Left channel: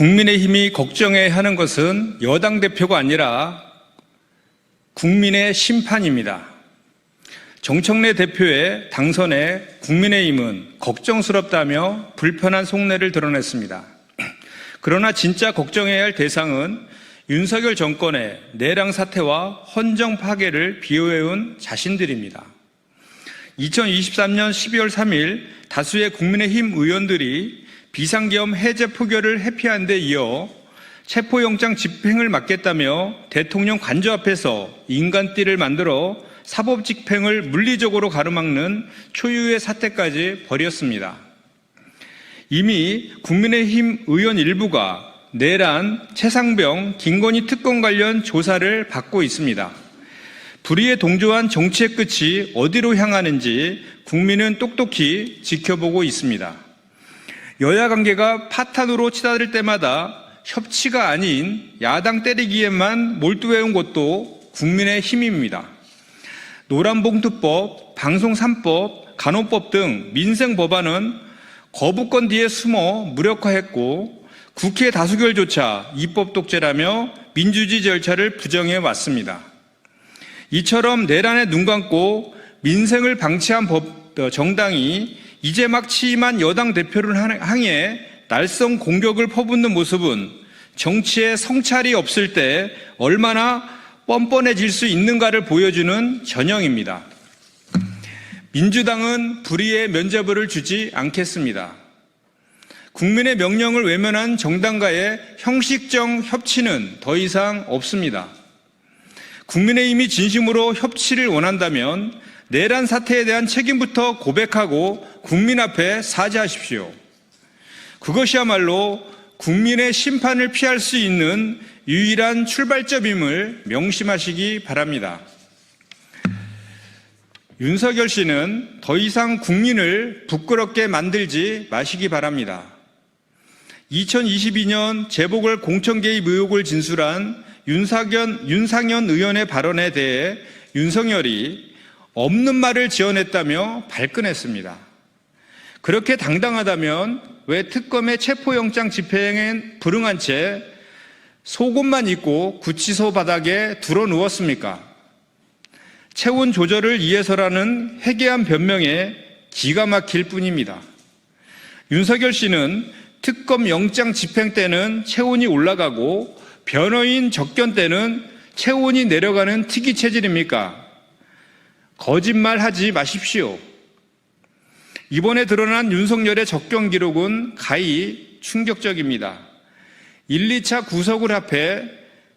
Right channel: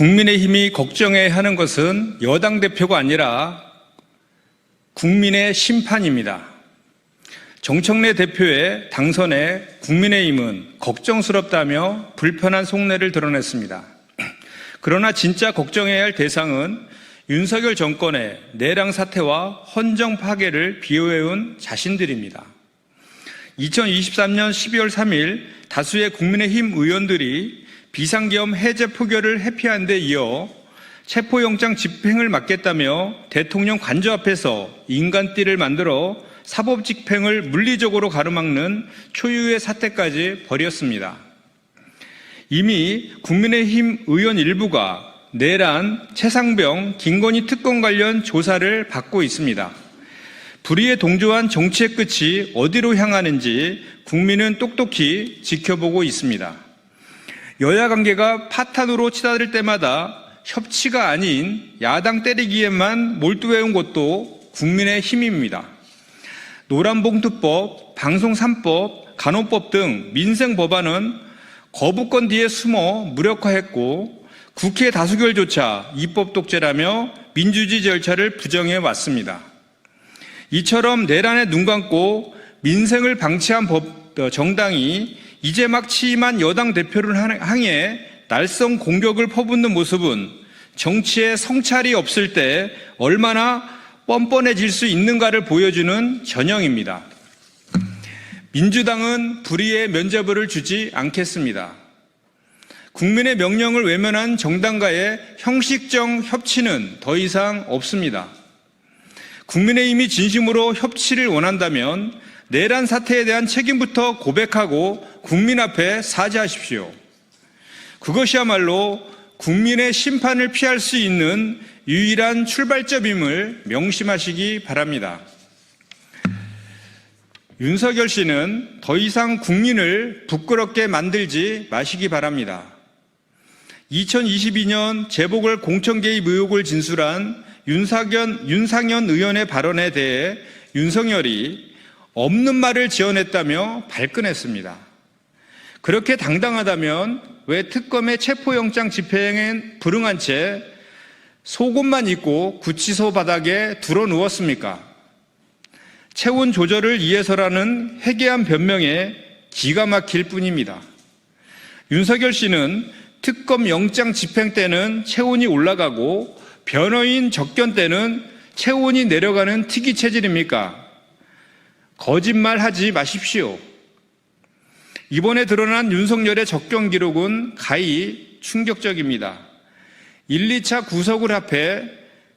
국민의힘이 걱정해야 하는 것은 여당 대표가 아니라 국민의 심판입니다. 정청래 대표의 당선에 국민의힘은 걱정스럽다며 불편한 속내를 드러냈습니다. 그러나 진짜 걱정해야 할 대상은 윤석열 정권의 내랑 사태와 헌정 파괴를 비호해온 자신들입니다. 2023년 12월 3일 다수의 국민의힘 의원들이 비상계엄 해제 표결을 회피한 데 이어 체포영장 집행을 막겠다며 대통령 관저 앞에서 인간띠를 만들어 사법집행을 물리적으로 가로막는 초유의 사태까지 벌였습니다. 이미 국민의힘 의원 일부가 내란, 최상병, 김건희 특검 관련 조사를 받고 있습니다. 불의에 동조한 정치의 끝이 어디로 향하는지 국민은 똑똑히 지켜보고 있습니다. 여야 관계가 파탄으로 치달을 때마다 협치가 아닌 야당 때리기에만 몰두해온 것도 국민의 힘입니다. 노란봉투법, 방송 3법, 간호법 등 민생 법안은 거부권 뒤에 숨어 무력화했고 국회 다수결조차 입법 독재라며 민주주의 절차를 부정해 왔습니다. 이처럼 내란에 눈 감고 민생을 방치한 정당이 이제 막 취임한 여당 대표를 향해 날성 공격을 퍼붓는 모습은 정치에 성찰이 없을 때 얼마나 뻔뻔해질 수 있는가를 보여주는 전형입니다. 민주당은 불의의 면죄부를 주지 않겠습니다. 국민의 명령을 외면한 정당과의 형식적 협치는 더 이상 없습니다. 국민의힘이 진심으로 협치를 원한다면 내란 사태에 대한 책임부터 고백하고 국민 앞에 사죄하십시오. 그것이야말로 국민의 심판을 피할 수 있는 유일한 출발점임을 명심하시기 바랍니다. 윤석열 씨는 더 이상 국민을 부끄럽게 만들지 마시기 바랍니다. 2022년 재보궐 공천 개입 의혹을 진술한 윤상현 의원의 발언에 대해 윤석열이 없는 말을 지어냈다며 발끈했습니다. 그렇게 당당하다면 왜 특검의 체포영장 집행엔 불응한 채 속옷만 입고 구치소 바닥에 드러 누웠습니까? 체온 조절을 위해서라는 회개한 변명에 기가 막힐 뿐입니다. 윤석열 씨는 특검 영장 집행 때는 체온이 올라가고 변호인 접견 때는 체온이 내려가는 특이 체질입니까? 거짓말하지 마십시오. 이번에 드러난 윤석열의 접견 기록은 가히 충격적입니다. 1, 2차 구속을 합해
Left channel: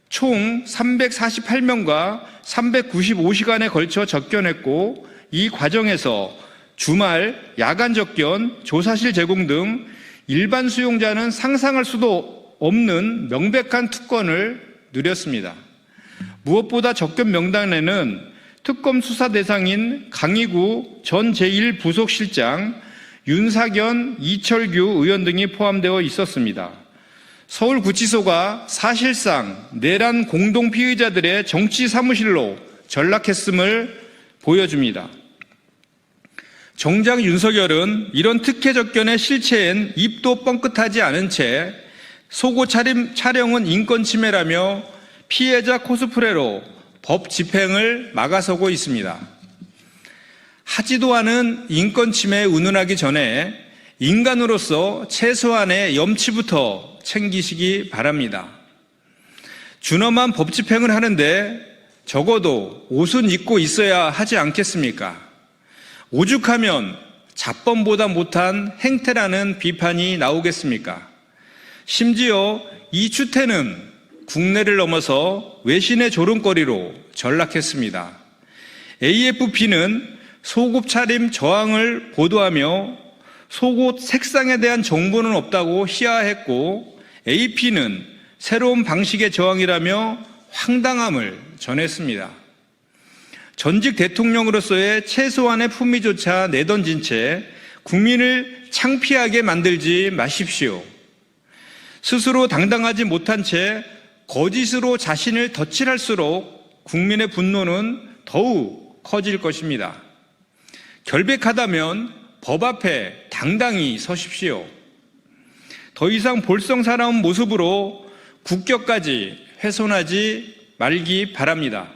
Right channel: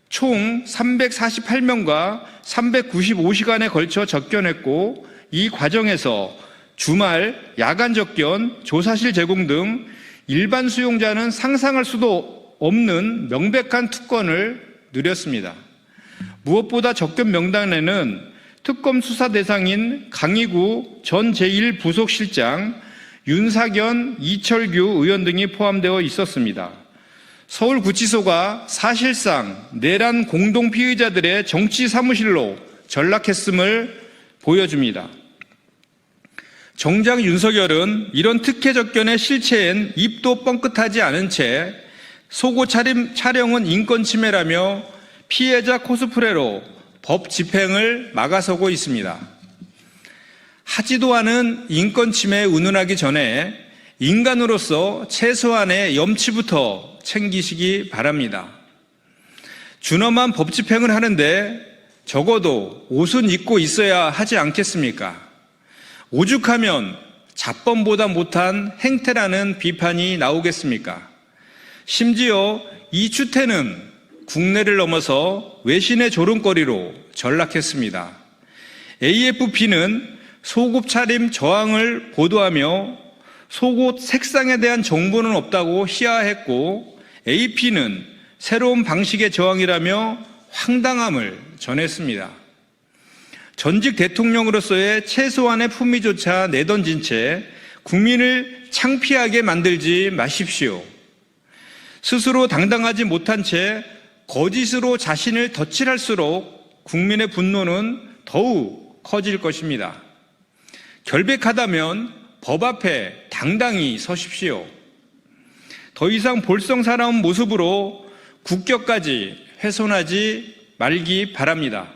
총 348명과 395시간에 걸쳐 접견했고 이 과정에서 주말, 야간 접견, 조사실 제공 등 일반 수용자는 상상할 수도 없는 명백한 특권을 누렸습니다. 무엇보다 접견 명단에는 특검 수사 대상인 강희구 전 제1부속실장, 윤사견, 이철규 의원 등이 포함되어 있었습니다. 서울구치소가 사실상 내란 공동 피의자들의 정치 사무실로 전락했음을 보여줍니다. 정작 윤석열은 이런 특혜 접견의 실체엔 입도 뻥끗하지 않은 채 속옷 촬영은 인권 침해라며 피해자 코스프레로 법 집행을 막아서고 있습니다. 하지도 않은 인권 침해에 운운하기 전에 인간으로서 최소한의 염치부터 챙기시기 바랍니다. 준엄한 법 집행을 하는데 적어도 옷은 입고 있어야 하지 않겠습니까? 오죽하면 잡범보다 못한 행태라는 비판이 나오겠습니까? 심지어 이 추태는 국내를 넘어서 외신의 조롱거리로 전락했습니다. AFP는 속옷 차림 저항을 보도하며 속옷 색상에 대한 정보는 없다고 시하했고 AP는 새로운 방식의 저항이라며 황당함을 전했습니다. 전직 대통령으로서의 최소한의 품위조차 내던진 채 국민을 창피하게 만들지 마십시오. 스스로 당당하지 못한 채 거짓으로 자신을 덧칠할수록 국민의 분노는 더욱 커질 것입니다. 결백하다면 법 앞에 당당히 서십시오. 더 이상 볼썽사나운 모습으로 국격까지 훼손하지 말기 바랍니다.